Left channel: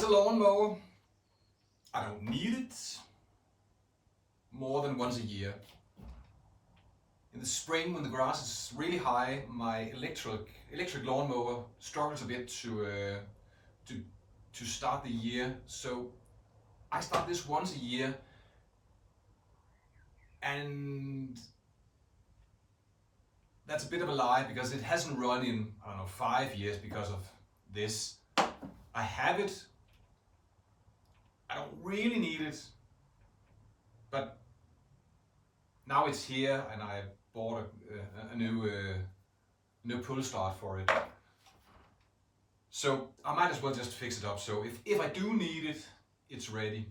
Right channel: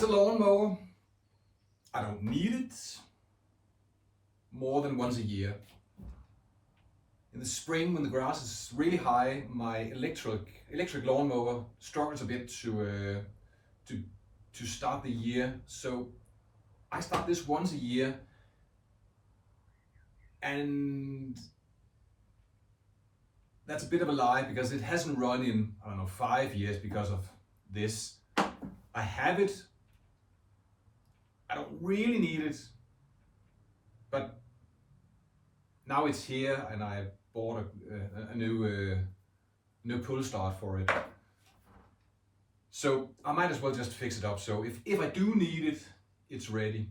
It's a lawnmower. I don't need it more than once a year. In the spring, when the grass is really high, my electric lawnmower struggles a bit to start the year. So I start this once a year, and that's a bit of a lie because it hasn't run in, I don't know, 5 years because of this. I have it. I don't really need it, but now it's here, and I bought a new pull start for it. So I might as well just fix it up. So if I do need it, it's ready.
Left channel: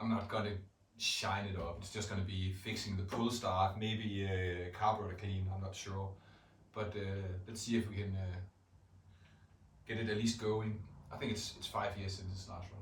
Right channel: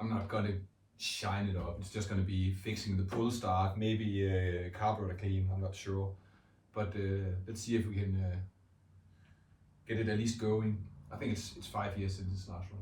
I'm not gonna shine it up. It's just gonna be fixing the pull start, maybe a carburetor clean, I'm not sure. But let's see if we can get it at least going. I think it's 5 years since this last run.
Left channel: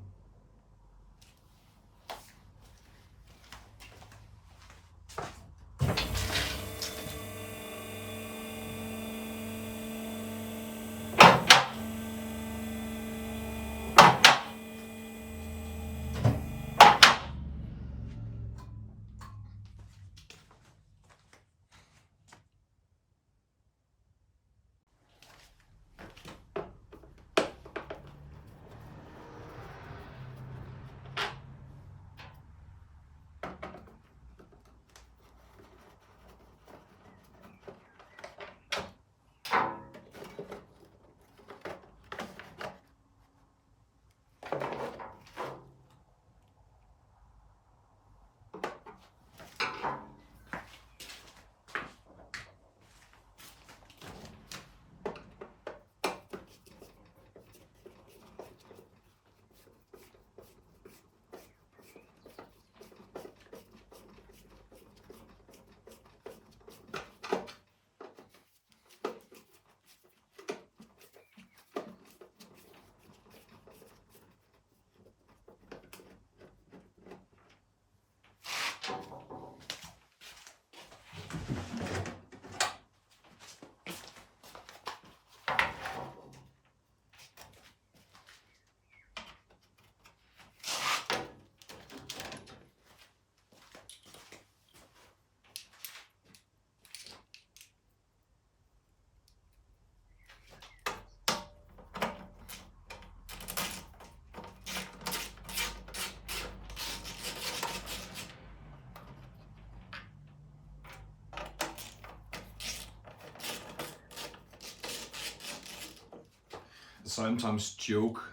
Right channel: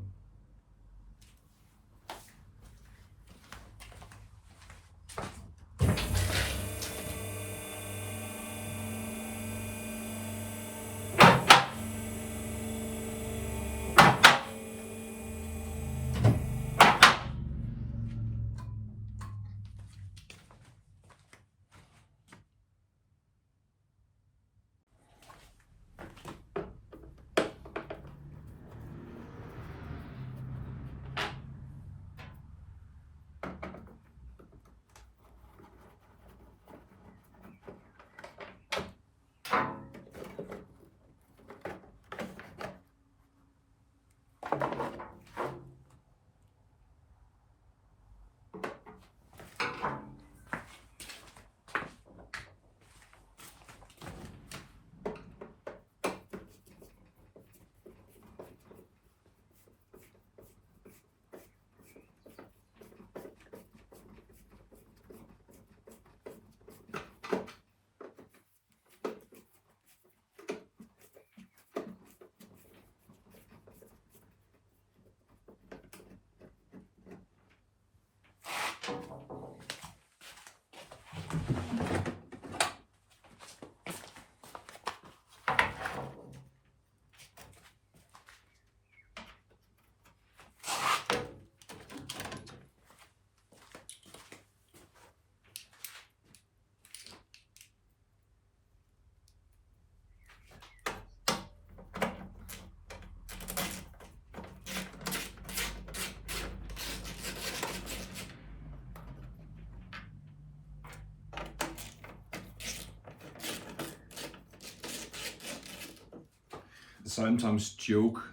Sometimes joke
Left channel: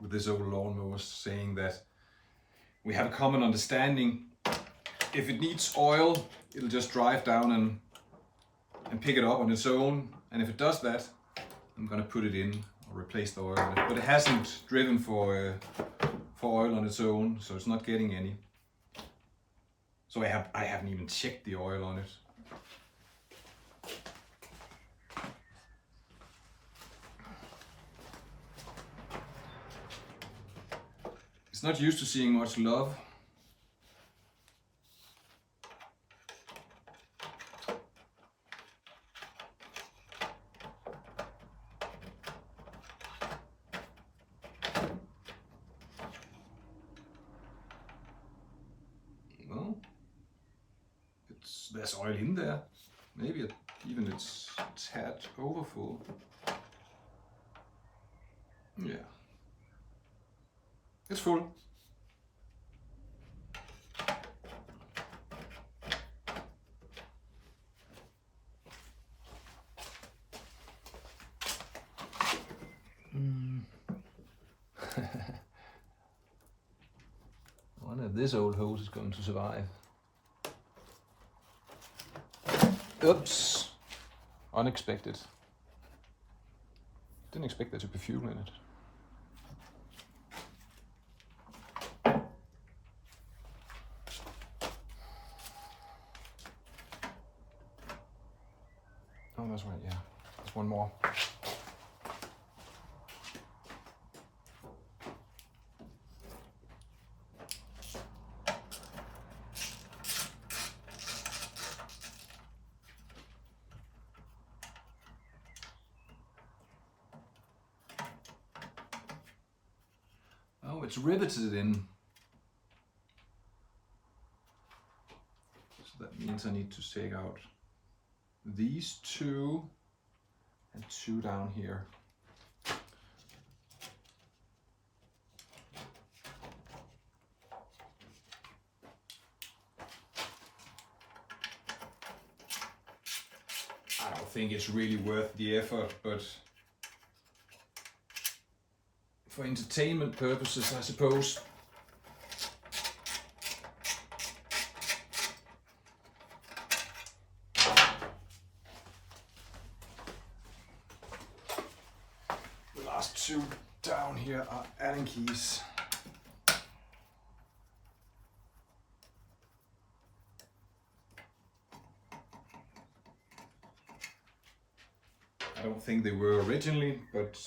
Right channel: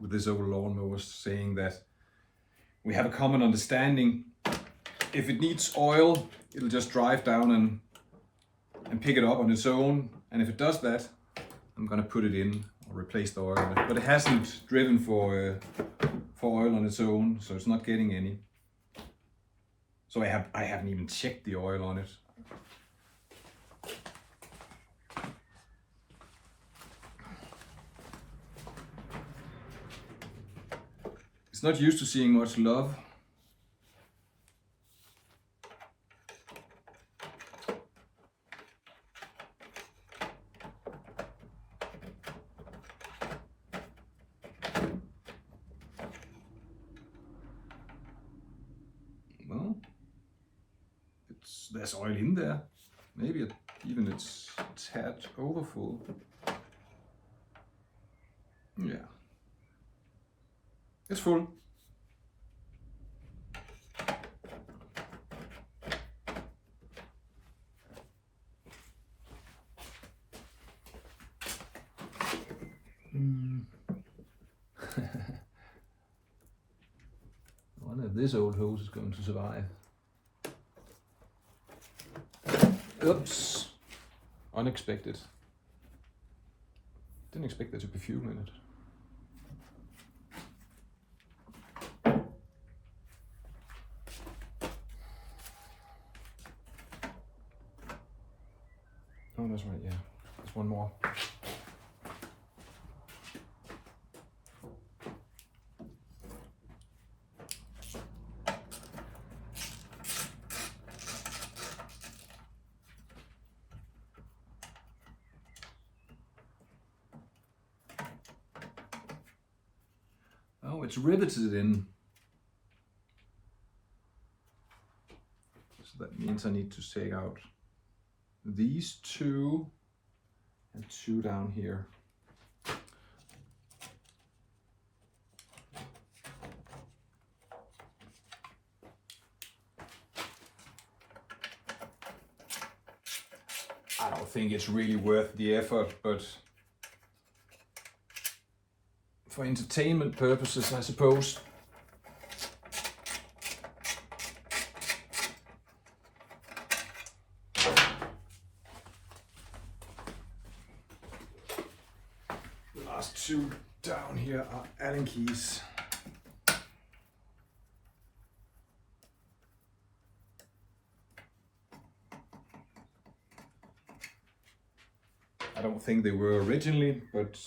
with this old lawnmower, saying that we have a common understanding. If it needs oil, it'll just drive down and pick it up on its own. And if it does that, I'm gonna put it in or replace the oil on it. But it hasn't driven for oil on its own, so it's not getting any. So I haven't even checked the oil on it. It's not used to seeing much love. Well, there's oil in there. Maybe even it's a tad overfull. Yeah. It's full. One of this old hose is going to survive. Oops. Unexpected. Didn't expect there to be fuel in it. Oh, that's right, yeah. There's one more. it's riveted in. So that means I need to take out these two and two down here. I don't think it's really worth the effort, but for entertainment purposes, I suppose. The last two down here are Allen keys. I don't think they were originally, but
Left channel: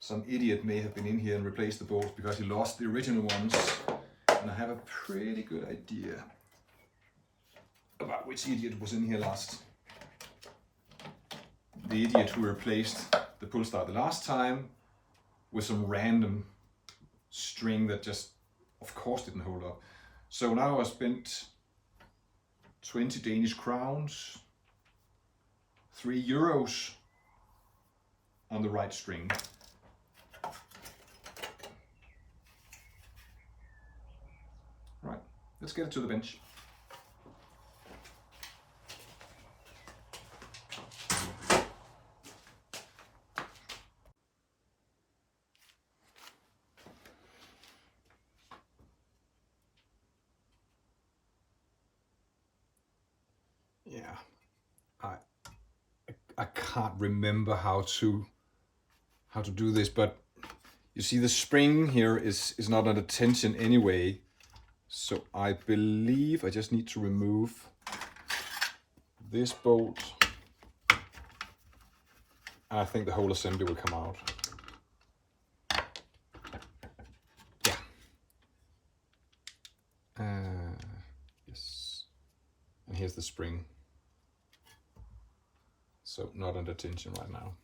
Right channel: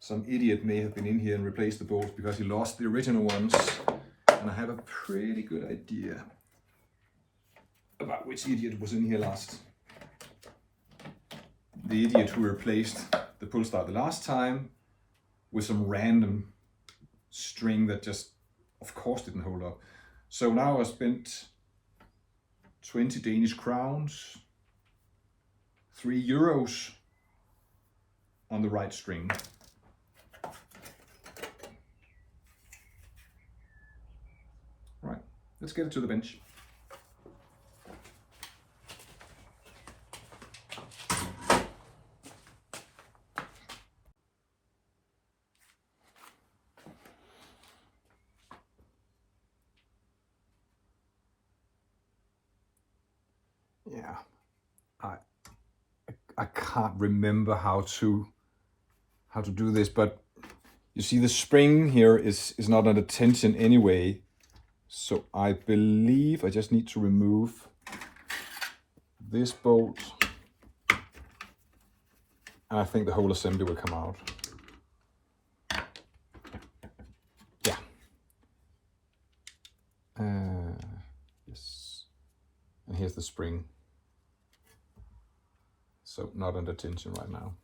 some idiot may have been in here and replaced the bolts because he lost the original ones. And I have a pretty good idea about which idiot was in here last. The idiot who replaced the pull start the last time with some random string that just, of course, didn't hold up. So now I spent 20 Danish crowns, 3 euros on the right string. Right, let's get it to the bench. Yeah, I can't remember how to do this, but you see the spring here is not under tension anyway. So I believe I just need to remove this bolt, and I think the whole assembly will come out. Yeah. Yes. And here's the spring. So not under tension right now.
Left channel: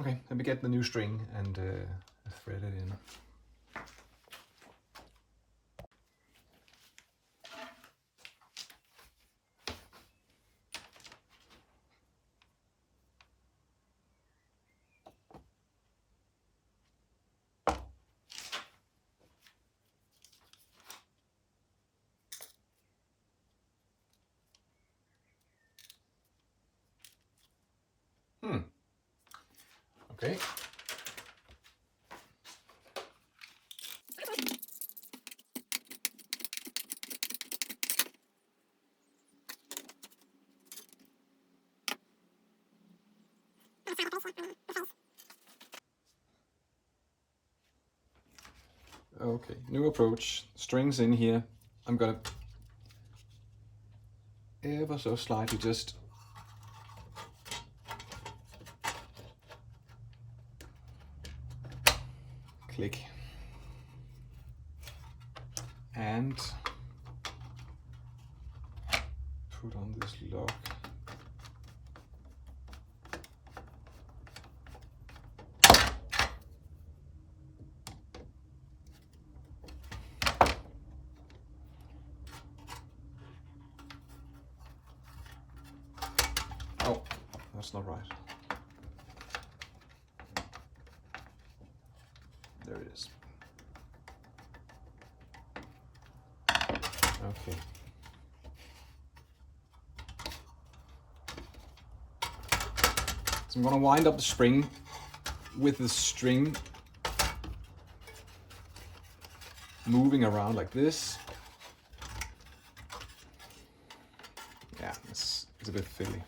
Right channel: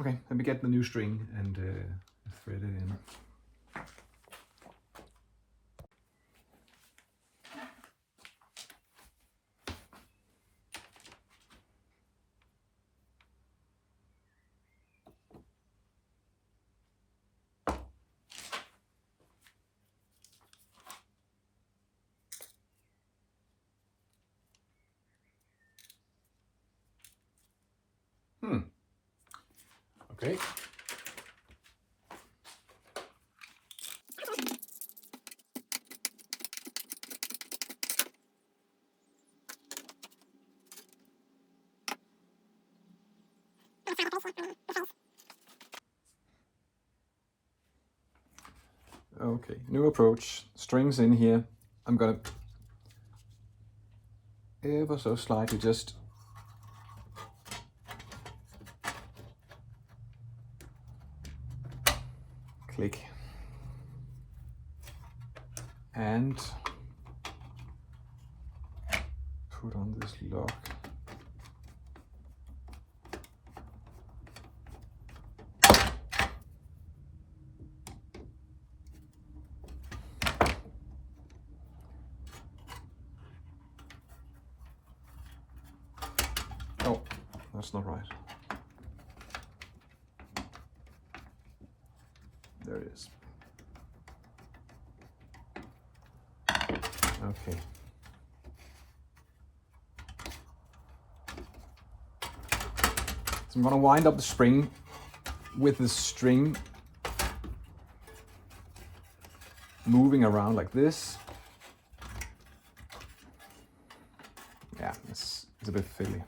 Okay, let me get the new string and thread it in. Okay. Okay, new approach. Strings in here. I'm gonna ever so slightly just click and put on this lock. Oh, that's not right. There it is. Okay. So I'm going to wind up the spring with the string moving around like this. Yeah, it's a bit fiddly.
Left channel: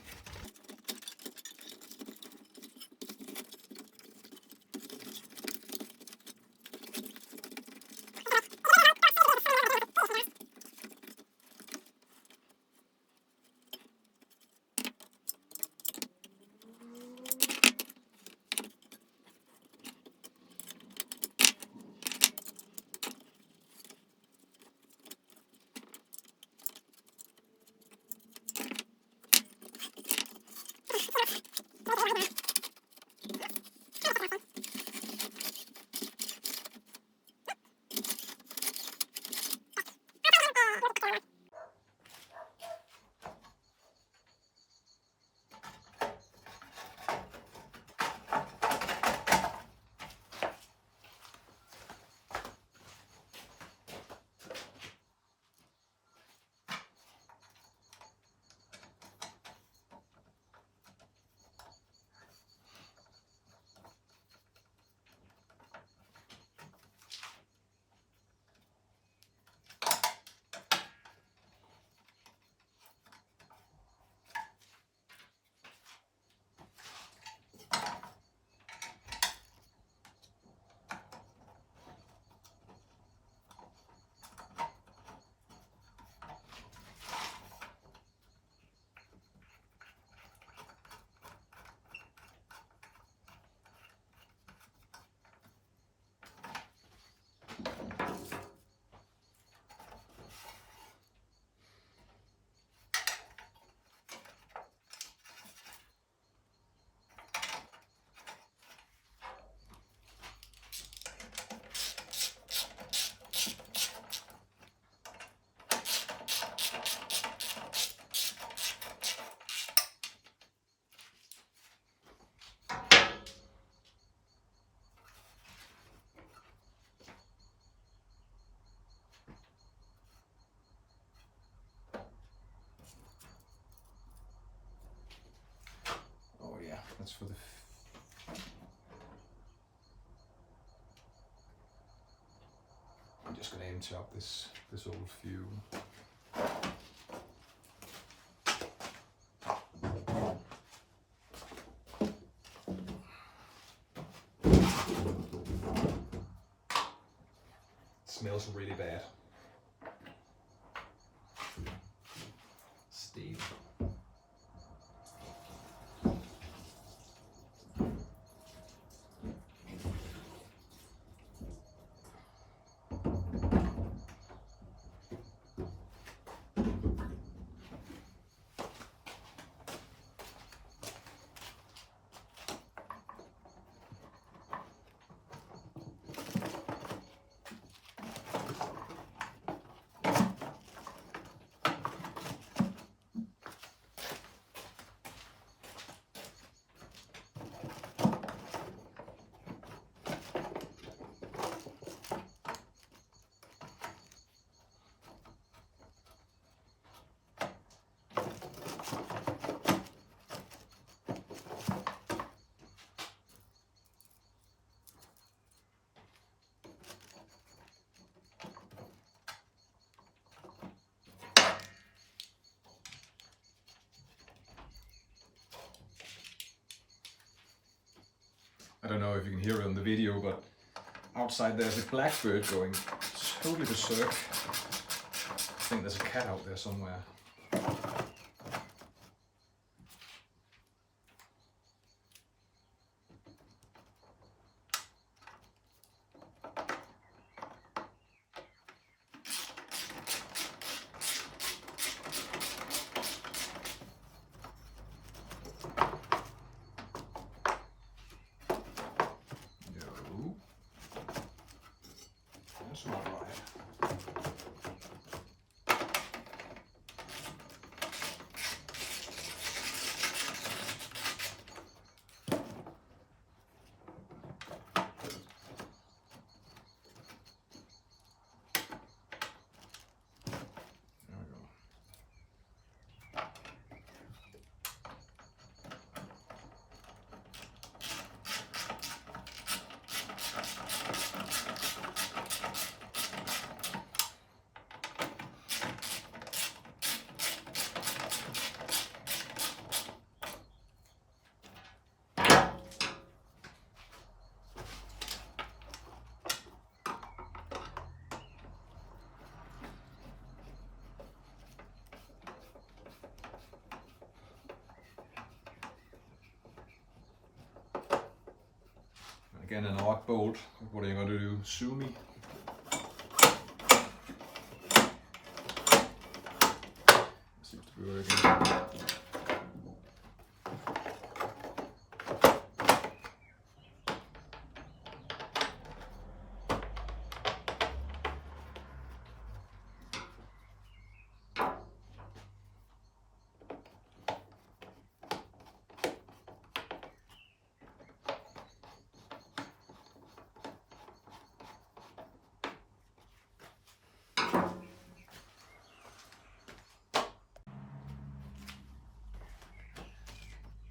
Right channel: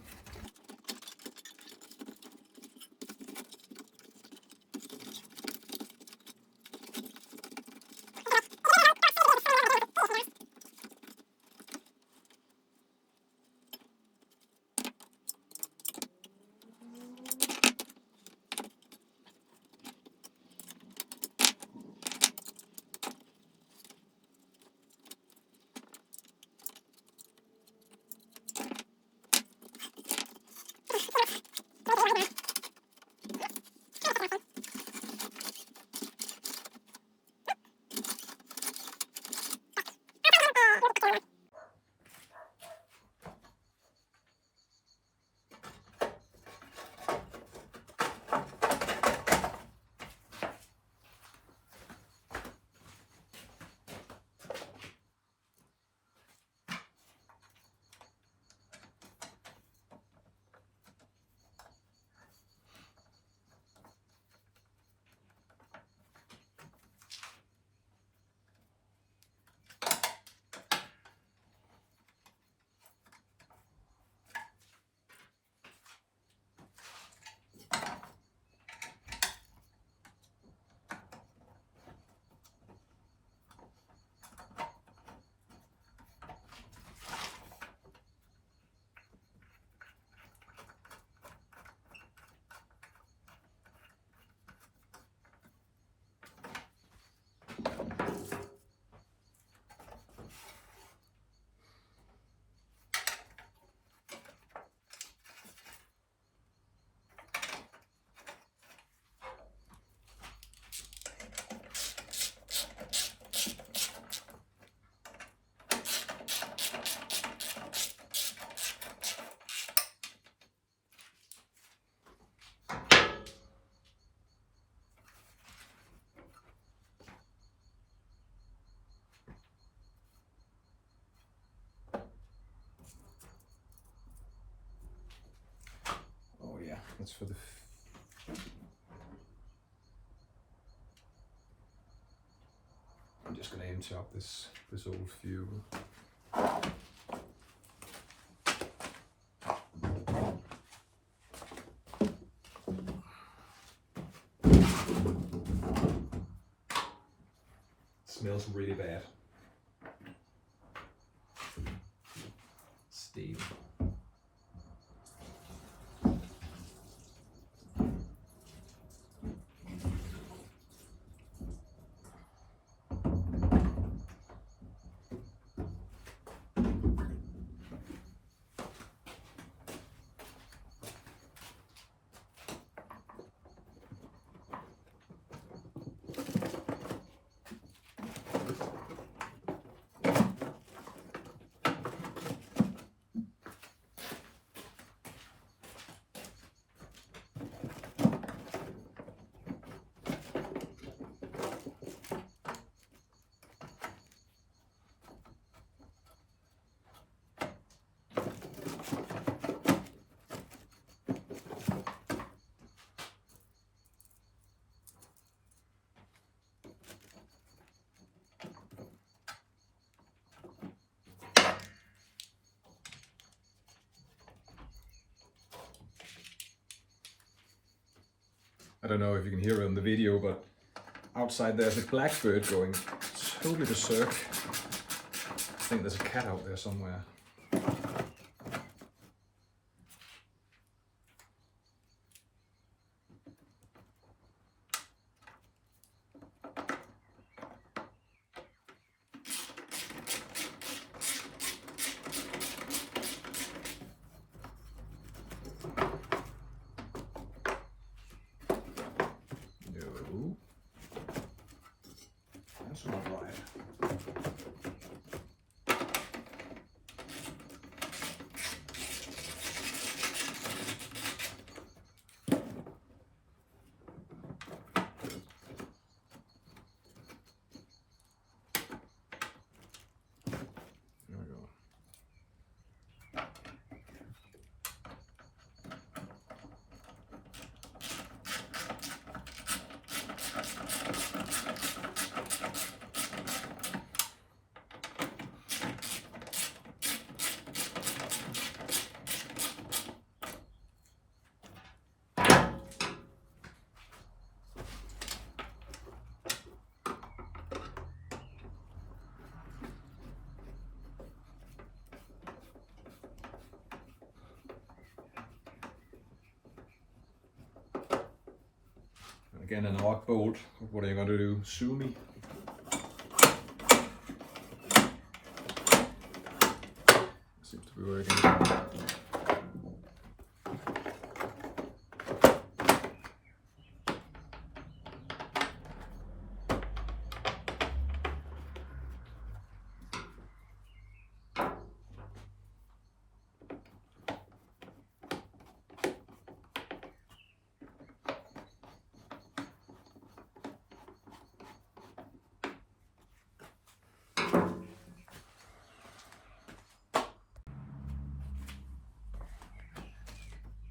That's for the I'm just going to empty out this old fuel. Smells really bad. Steel. I don't know if you can hear it on the video, but outside there's a blackbird going totally berserk. I think there's a cat out there somewhere. That's not right. There we go. Again, an odd bolt. What are you going to do? Sue me? Seems to be working.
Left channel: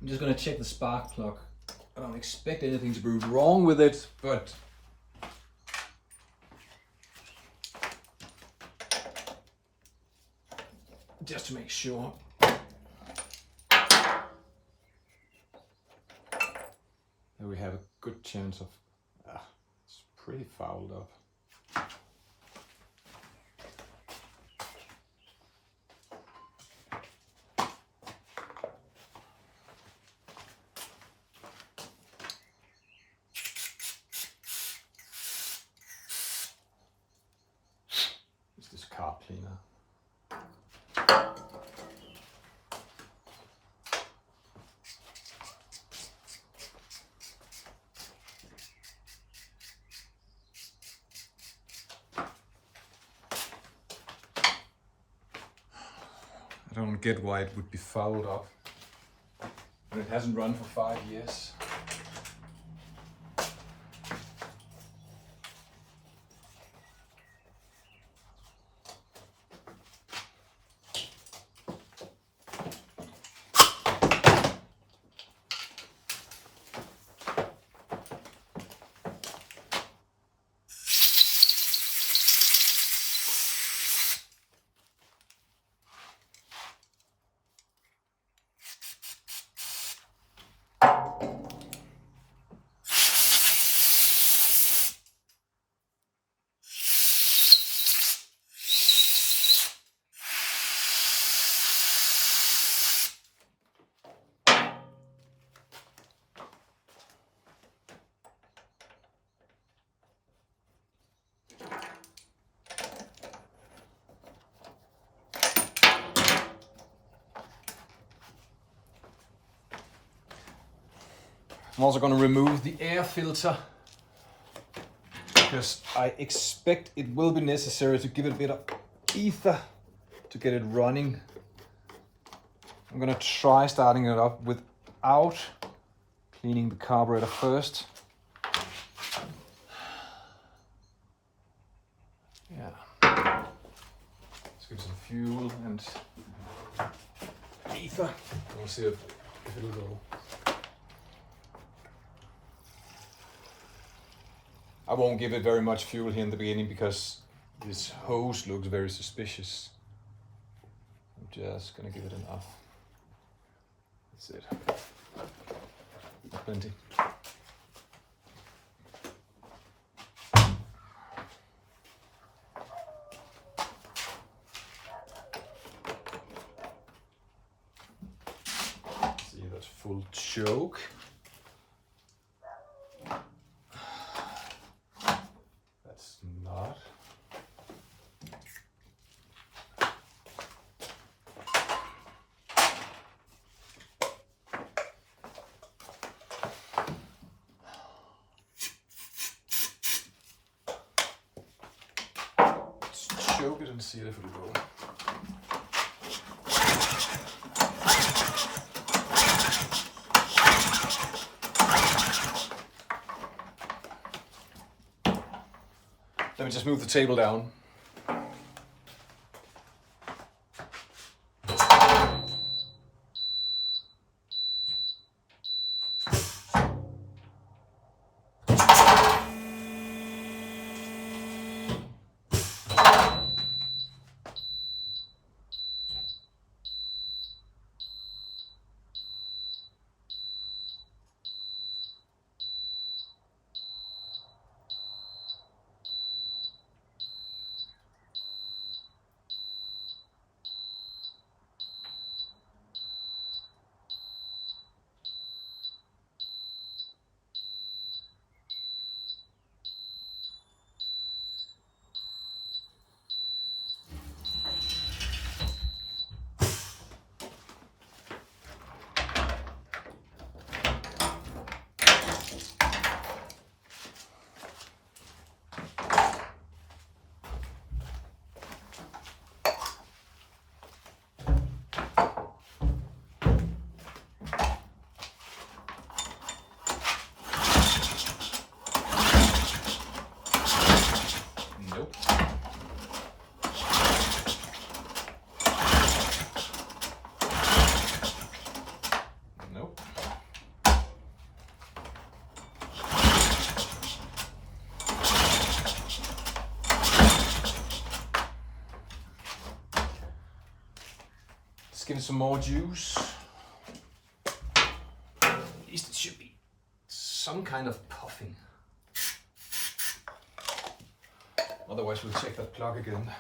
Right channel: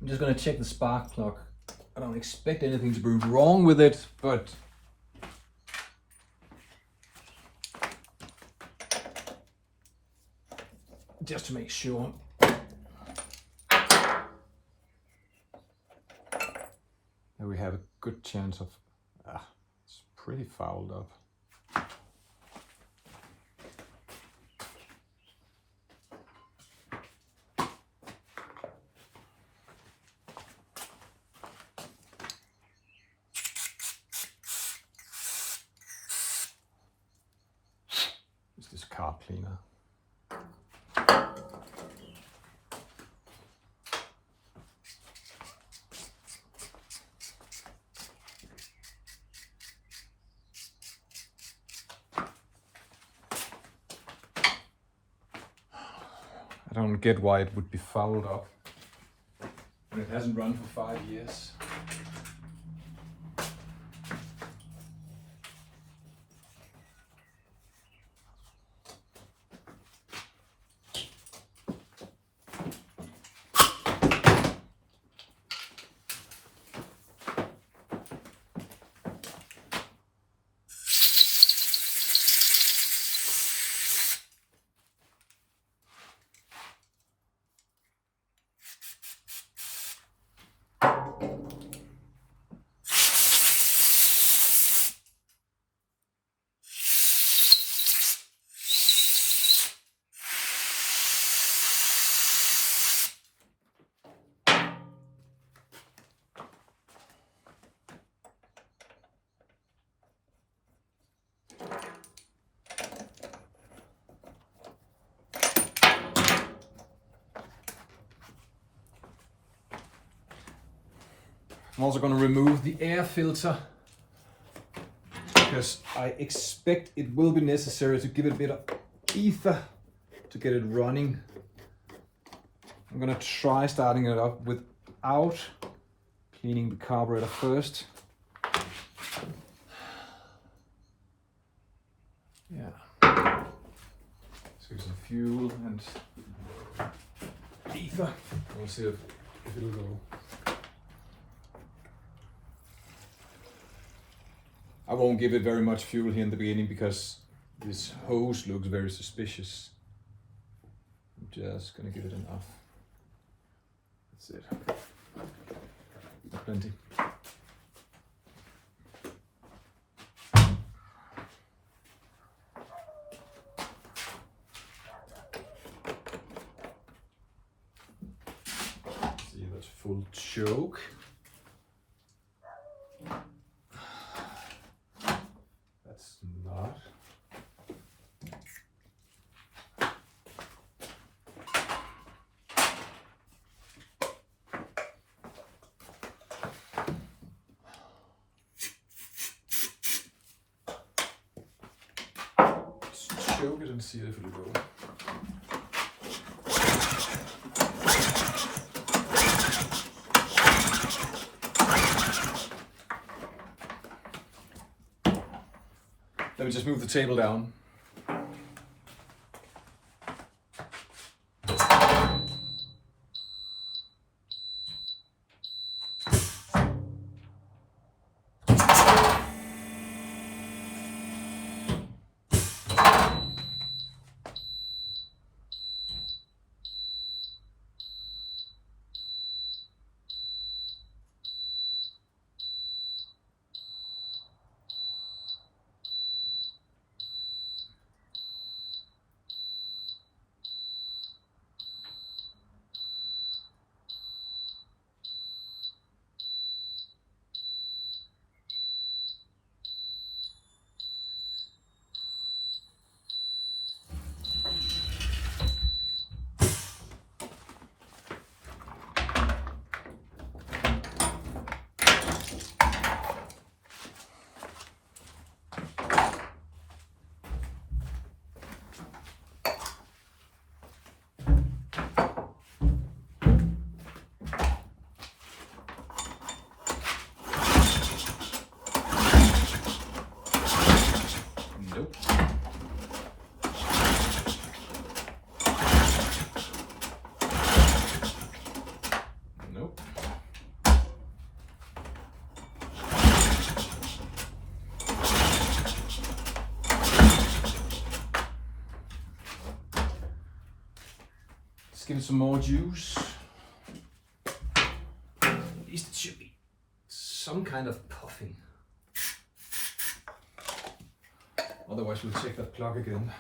I'm just going to check the spark plug. I don't expect anything to be wrong with it, but just to make sure. That we have a good chance of, it's pretty fouled up. This car cleaner. I don't get why it would be fouled up. And it hasn't run for 5 years. I'm also going to remove the air filter because I expect it will be necessary to give it a bit of ether to get it running. I'm going to try starting it up without cleaning the carburetor first. Yeah. Let's give some fuel and ether. We'll see if it'll go. I won't give it very much fuel here in the beginning because this hose looks very suspicious. I'm just gonna give it enough. That's it. Plenty. See, that's full choke. That's not. Choke it and see if it'll go. Let me just move the table down. Give it some more juice. At least it should be some kind of puffing. Otherwise we'll check that plug again.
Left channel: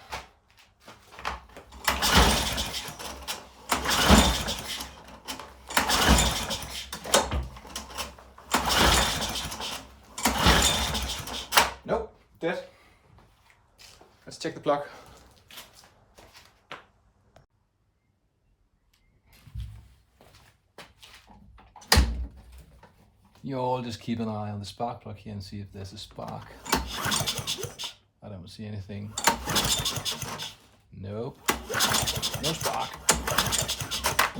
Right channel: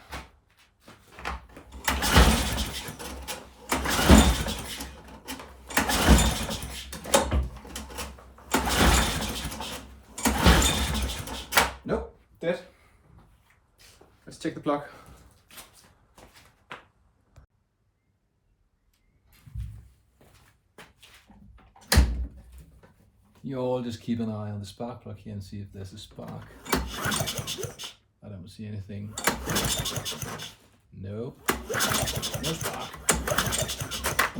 Nope, dead. Let's check the plug. You all just keep an eye on the spark plug here and see if there's a spark. I don't see anything. Nope. No spark.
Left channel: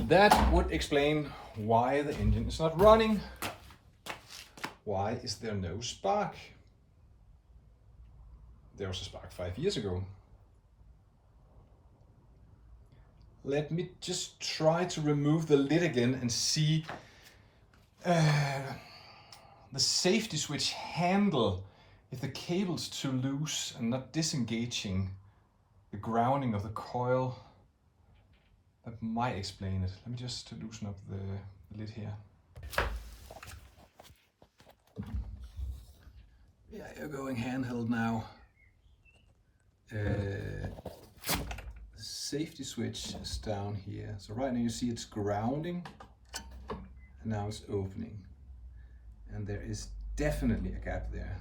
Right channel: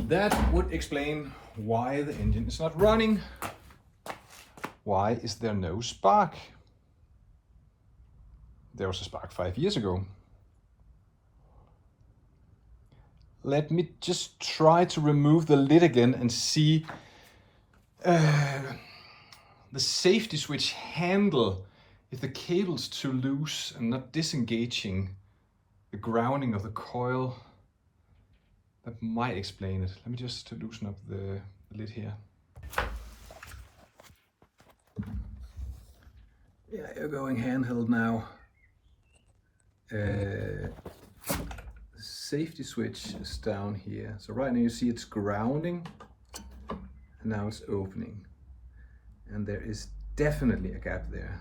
That would explain why the engine is not running. Why is there no spark? There was a spark 5 years ago. Let me just try to remove the lid again and see the safety switch handle, if the cable's too loose and not disengaging the grounding of the coil. That might explain it. Let me just loosen up the lid here. Yeah, you're going handheld now. The safety switch is down here. So right now you see it's grounding and now it's opening. And there is definitely a gap there.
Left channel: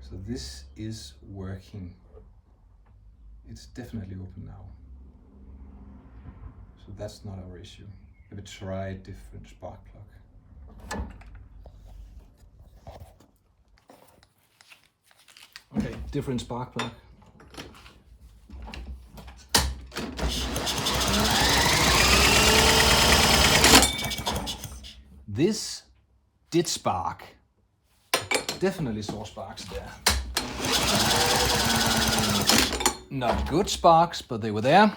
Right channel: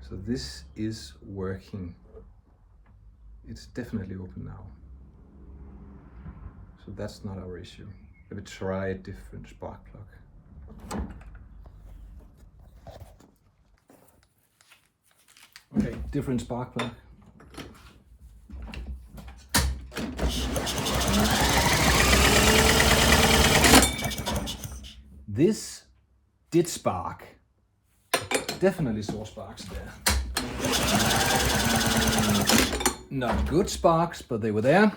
So this is working. It's definitely open now. So that's not our issue. Let me try a different spark plug. different spark plug. This did spark. Definitely saw sparks there. Not good sparks, but they were there.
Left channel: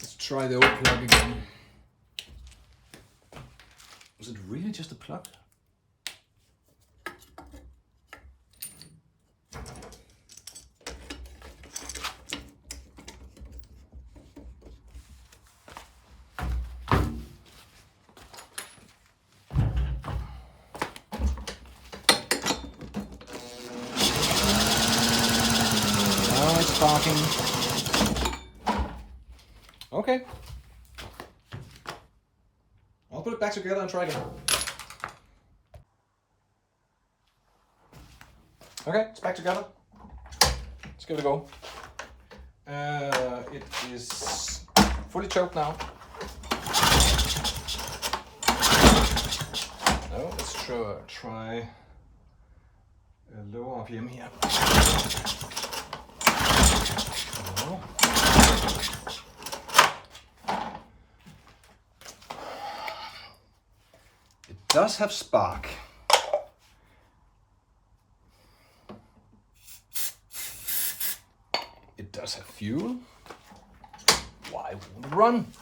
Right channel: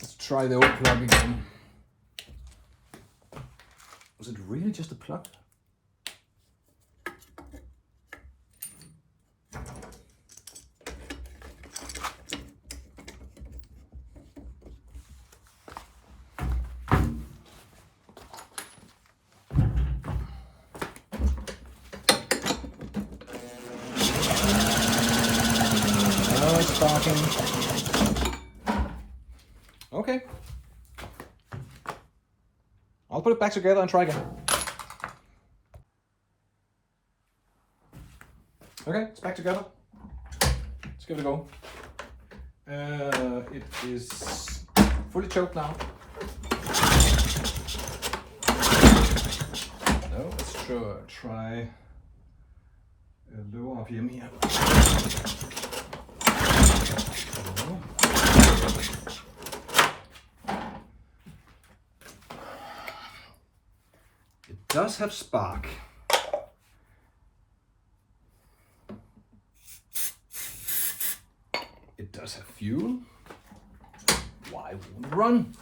Let's try the old plug again. Was it really just a plug? Okay. I'll put it back together and try again. Okay, it's back together. Let's give it a go. It is fully choked now. Now let's try a lower RPM here. It does have spark. It does have fuel. Why won't it run?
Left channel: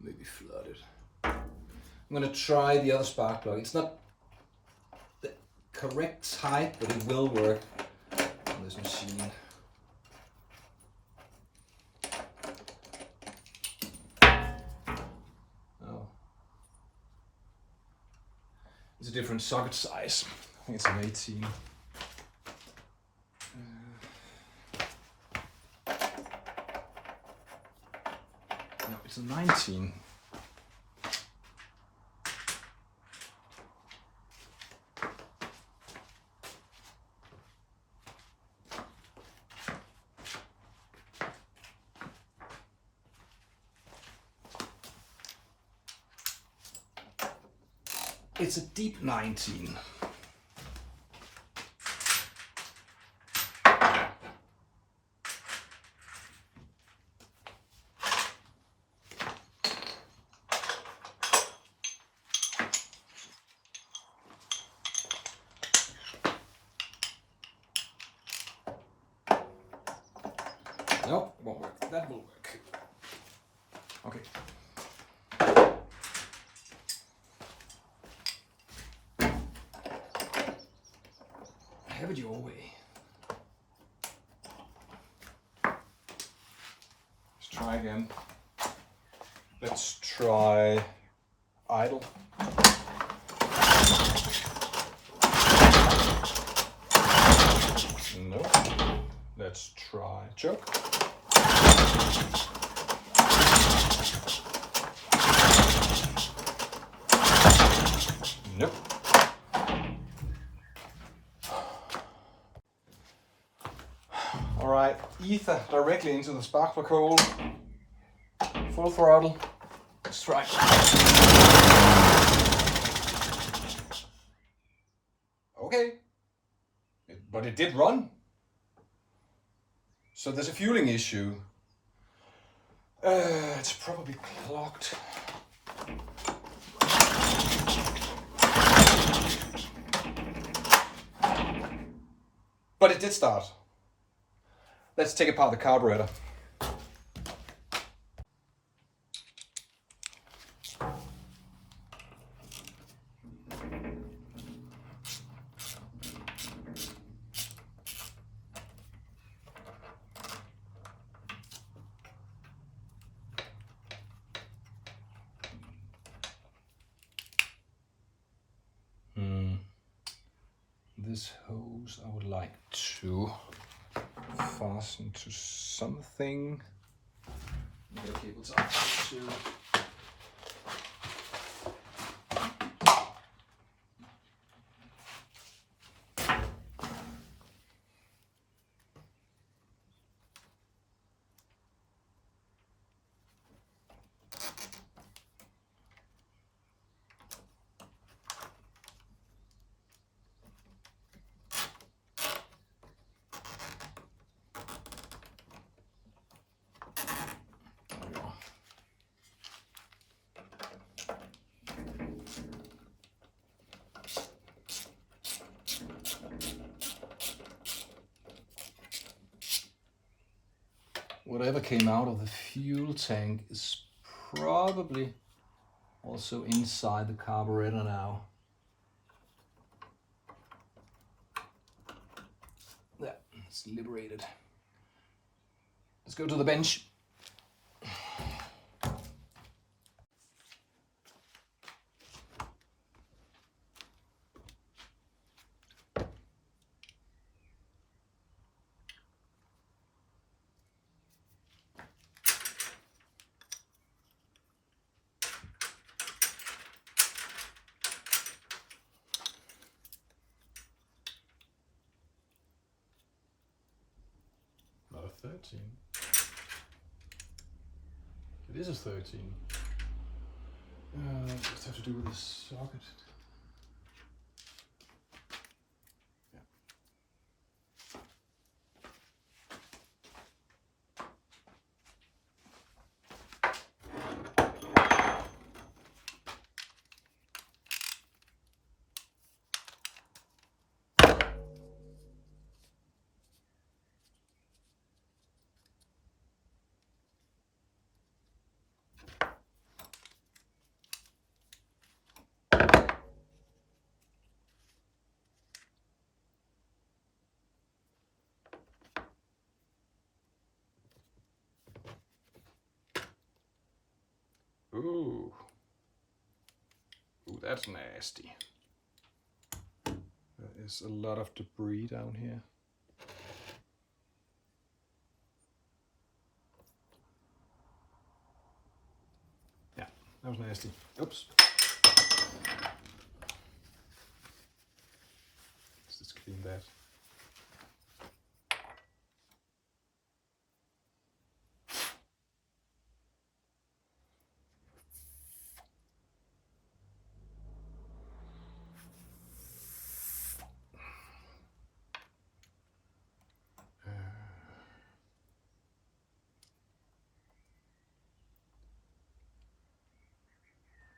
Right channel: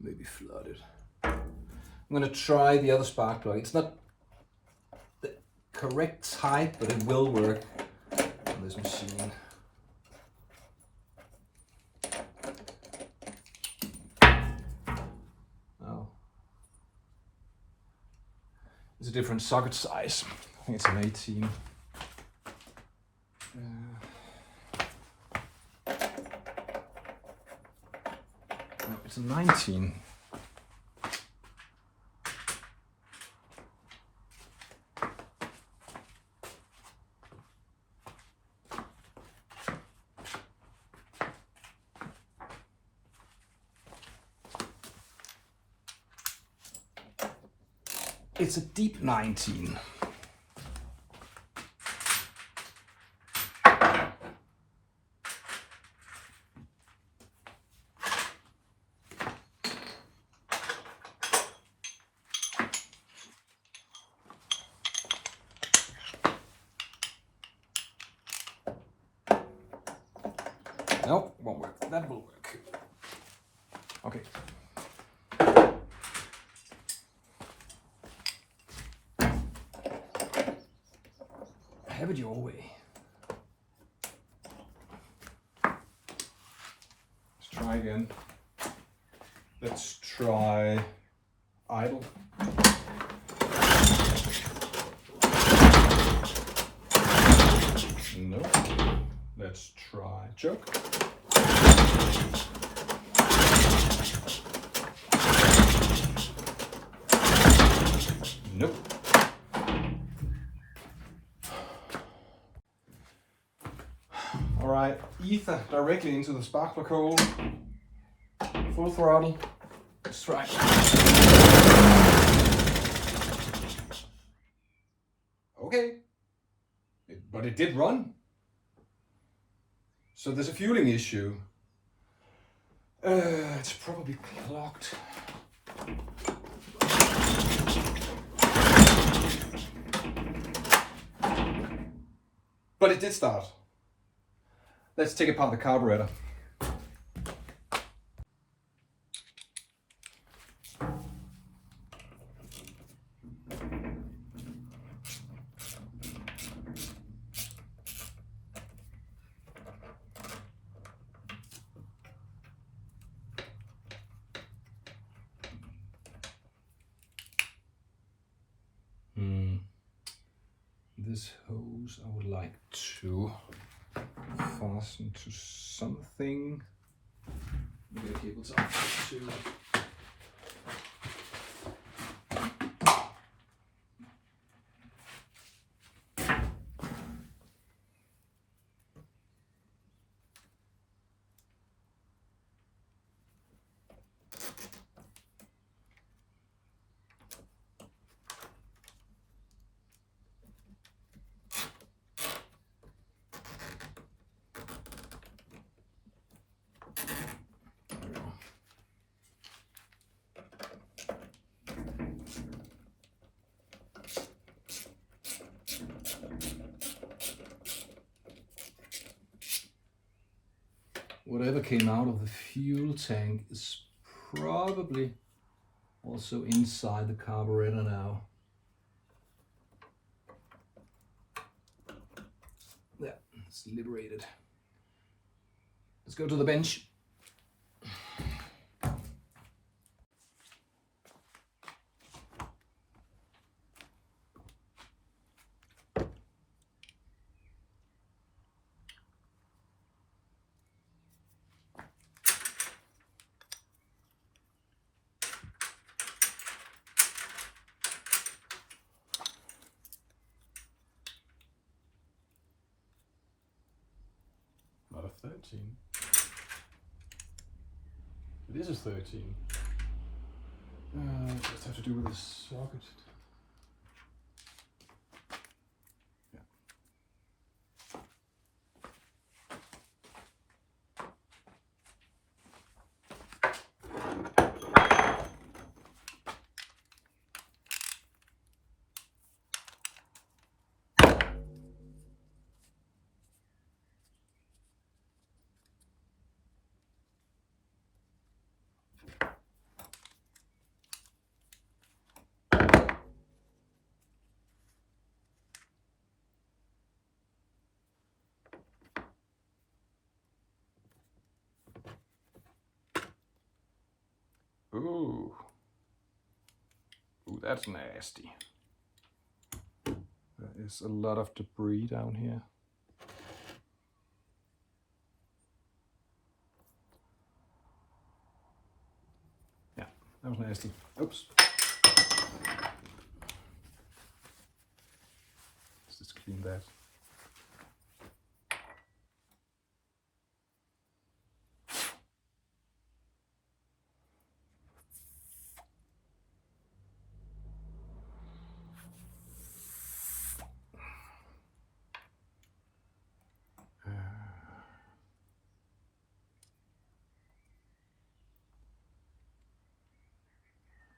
Maybe flooded. I'm gonna try the other spark plug. It's not the correct height, but it will work on this machine. Oh. It's a different socket size. I think it's an 18. No, it's a 19. It's a deep 19. No, it won't work. That will work. Okay. Have it your way. Let's try again. Let's try idle. No. Let's try choke. Nope. All right, ether directly into the spark plug hole. Full throttle. Let's try. Okay, but it did run. So there's a fueling issue. It's probably clogged. But it did start. Let's take apart the carburetor. This hose I would like to fasten to something. Get a cable tie too. Whatever came out of the fuel tank is probably also inside the carburetor now. There, it's liberated. Let's go to the bench. Not a 13. It is a 13. Just have to do with the socket. Ooh. Ooh, that's nasty. There is a lot of debris down here. Yeah, that was nasty. Oops. Let's just clean that.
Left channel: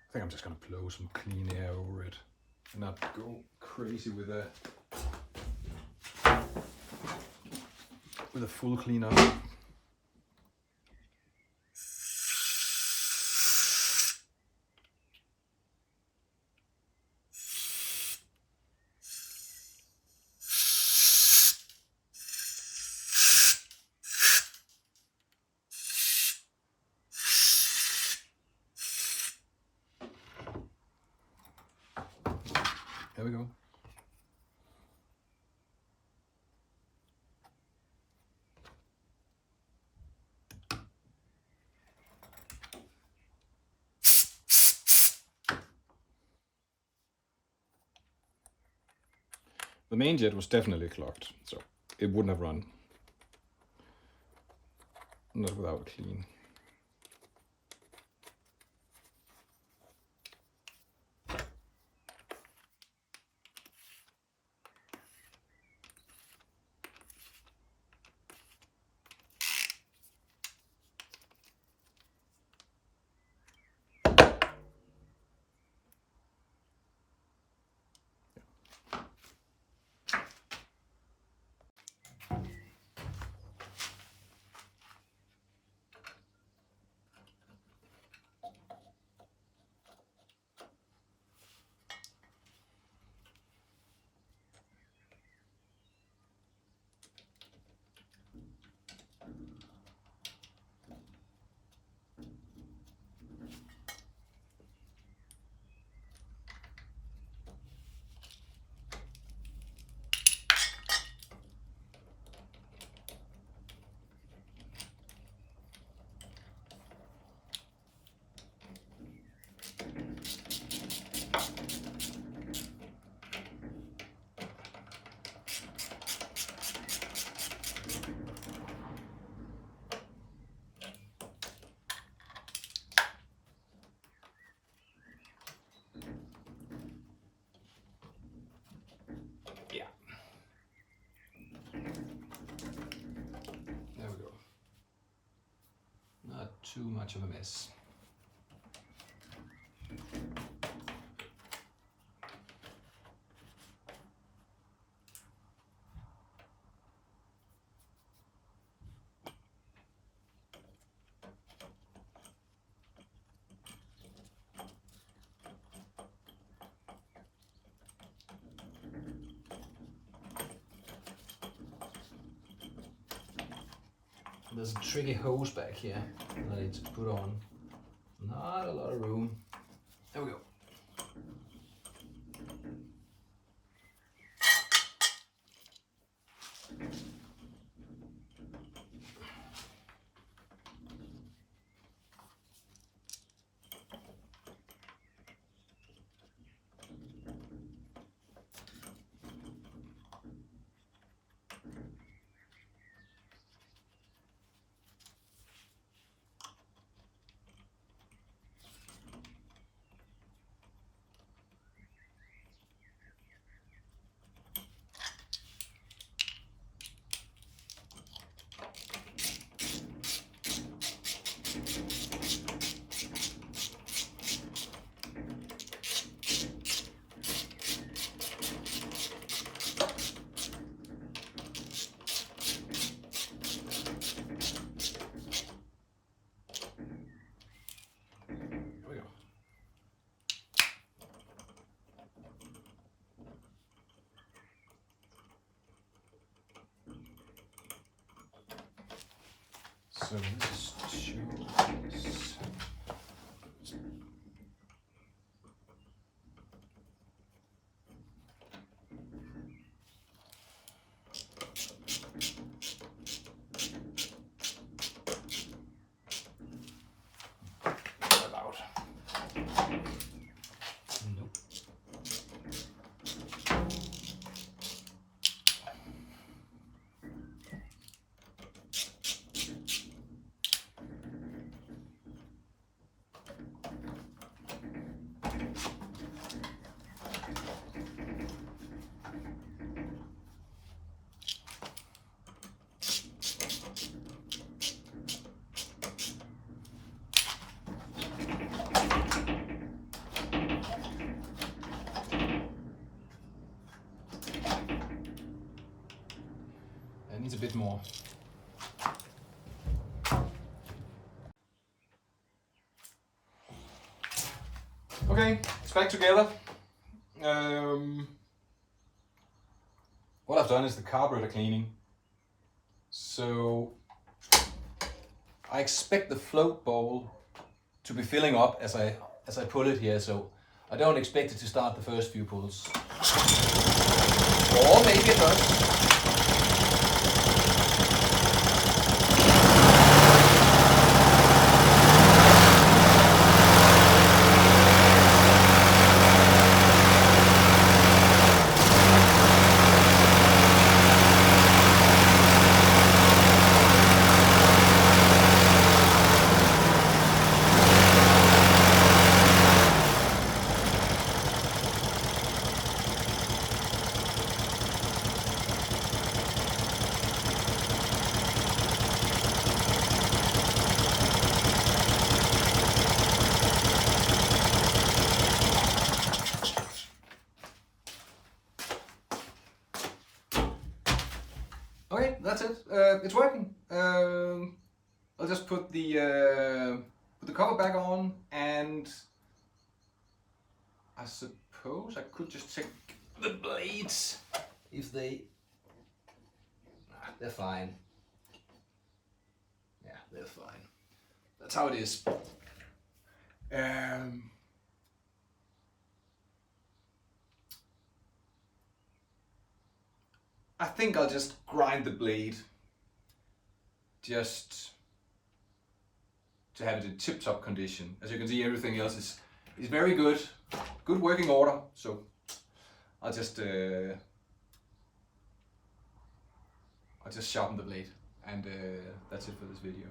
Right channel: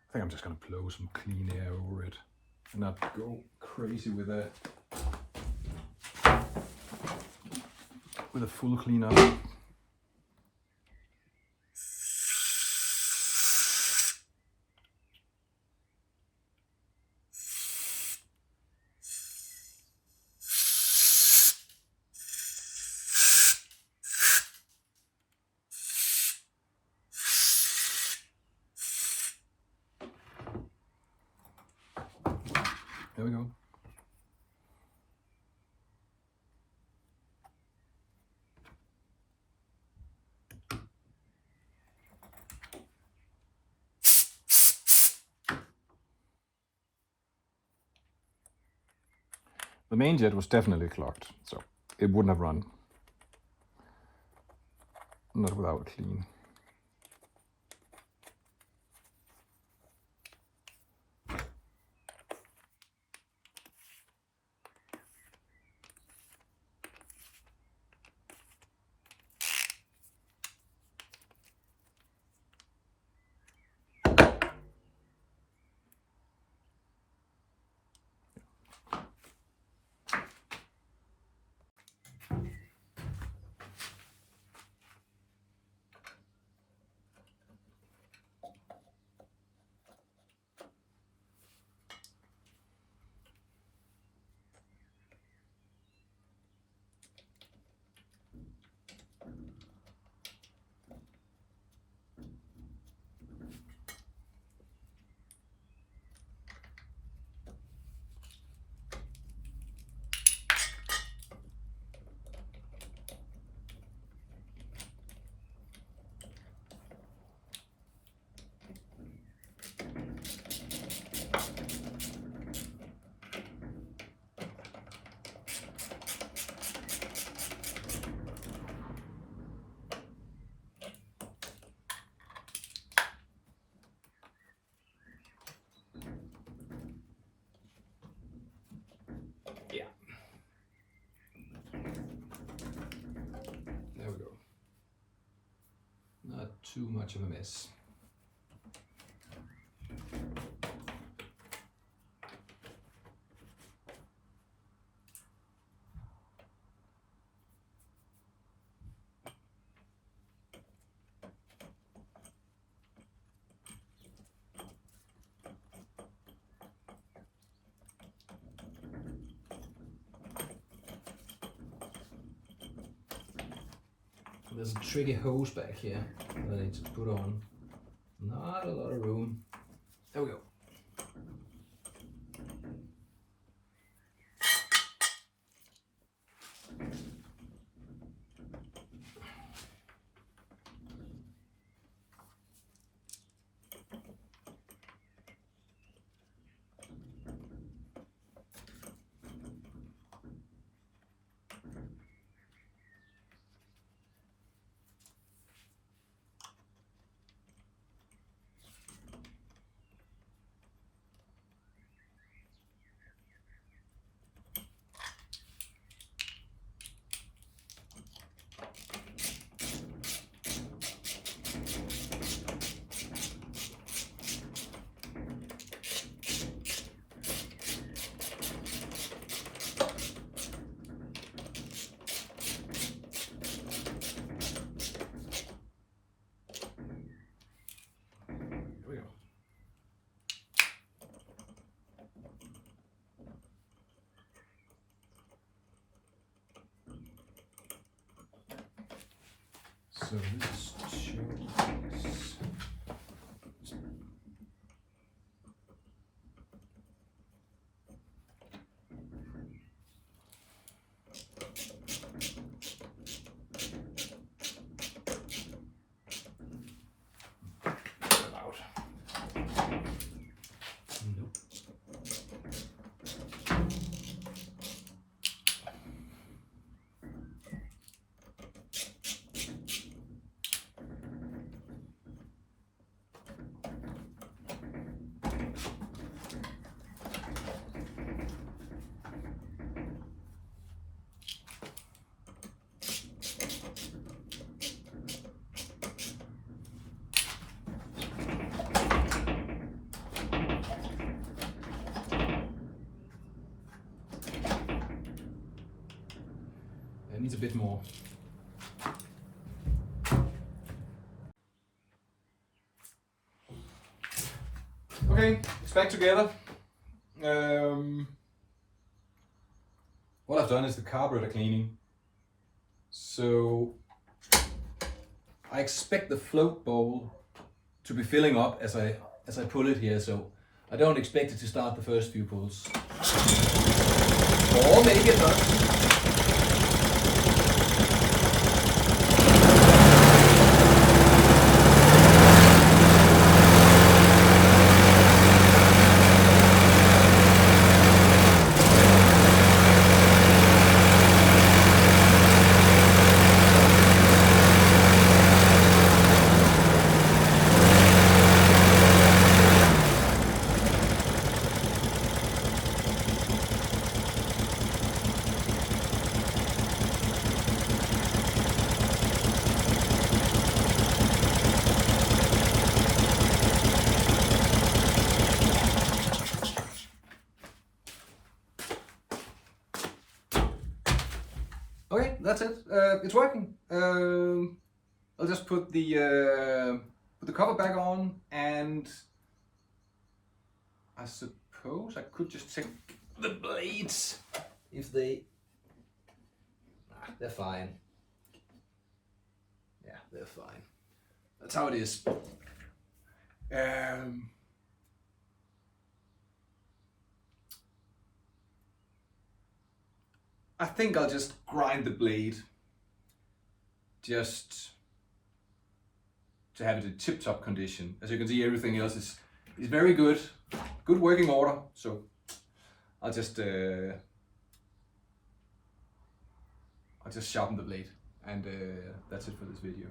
I think I'm just gonna blow some clean air over it and not go crazy with a full cleanup. There we go. The main jet was definitely clogged, so it wouldn't have run. Not without clean. too much of a mess. There's a tricky hose back here that I need to put on. Not a lot of room. There we go. So this shows. Nope. It needs a bit more. Okay, it's back together. What I've done is the carburetor cleaning. So I expect the float bowl to be filling up as I pull it here, so I don't expect it to start the first few pulls. Or maybe it does. Okay, that's it. It's working. I'll just put the cover back on, and I suppose I could just check the blades if they. They're fine. Yeah, they're fine. That's how it is. I think I'll just grind the blade just to have it in tip-top condition. As you can see, everything else is very good working order. So I'll just sharpen the blade, and that's it for this video.